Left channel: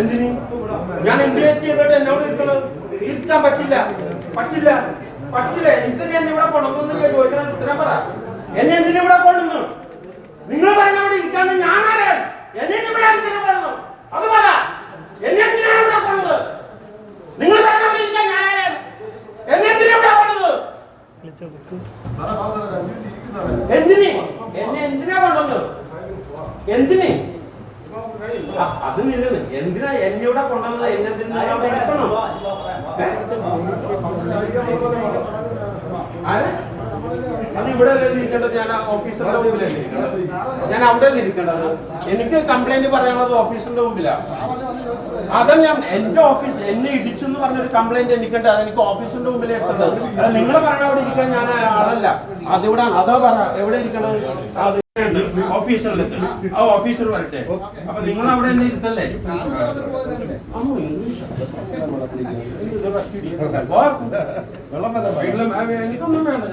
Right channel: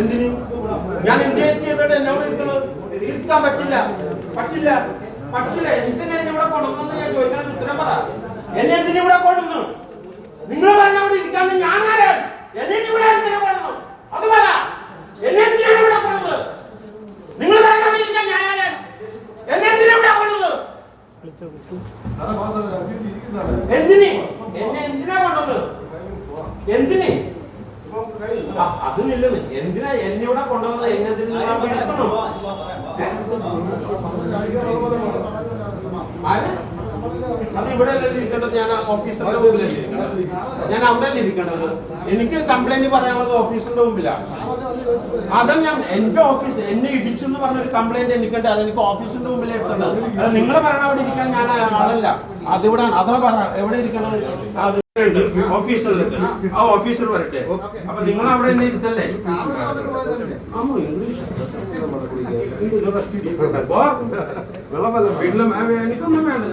എന്തിന് ഞാൻ എന്തിനെ ചെയ്തിട്ട് എന്നോട് ഇരുത്താൻ പറ്റില്ല പറ്റില്ല പറ്റില്ല എന്തിനെ എന്നെ ഇവിടെ കൊണ്ടുവന്നു ചോദിച്ചാൽ ഉത്തരം പറ. എന്നെ എന്തിനു ഇവിടെ കൊണ്ടുവന്നു? നിങ്ങൾ പറഞ്ഞോട് ഇരിക്കാൻ ഞാനാണ്. എന്നെ ഇവിടെ എന്തിനു കൊണ്ടുവന്നു അത് പറ. എന്നെ എന്തിനാണ് ഇവിടെ കൊണ്ടത്? നിങ്ങൾ പറഞ്ഞോട് ഇരിക്കാൻ ഞാനാണ്. എന്നെ എന്തിനു ഇവിടെ കൊണ്ടത്? എന്തിന് എന്നെ എന്തിനാ കൊണ്ടത്? എന്തിന് അത് നില്ലെന്ന് എന്തിനാ എന്നെ ഇവിടെ കൊണ്ടുവന്നത്? എന്നെ അത് ഇവിടെ അല്ലേ ഇരിക്കേണ്ടത്? ഞാൻ ഓഫീസറിന്റെ മുമ്പിലല്ലേ ഇരിക്കേണ്ടത്? ഞാൻ അവിടെ അല്ലേ ഇരിക്കേണ്ടത്? എനിക്ക് കംപ്ലൈന്റ് പറയാനുള്ളത് ഓഫീസറിന്റെ മുമ്പിലാണ്. അതാ ഞാൻ എന്റെ ഓഫീസ് എന്നെ ഇടിച്ചെന്ന് പറഞ്ഞൊരു കംപ്ലൈന്റ് എനിക്കുണ്ട്. അതെനിക്ക് ഓഫീസിന്റെ മുമ്പിൽ എടുത്തത്. അത് നിങ്ങൾ പറയണ അവിടെ ഇരിക്കാൻ ഞാൻ അതല്ല. അതിവിടെ അതാ പറ എവിടെ ഇരിക്കണത്? അത് ഓഫീസറിലേക്ക് ആ ഓഫീസർ വരട്ടെ. അപ്പൊ നിങ്ങൾ അവിടെ തന്നെ ഇരുത്തല്ലേ? എനിക്കൊന്നും വേണ്ട.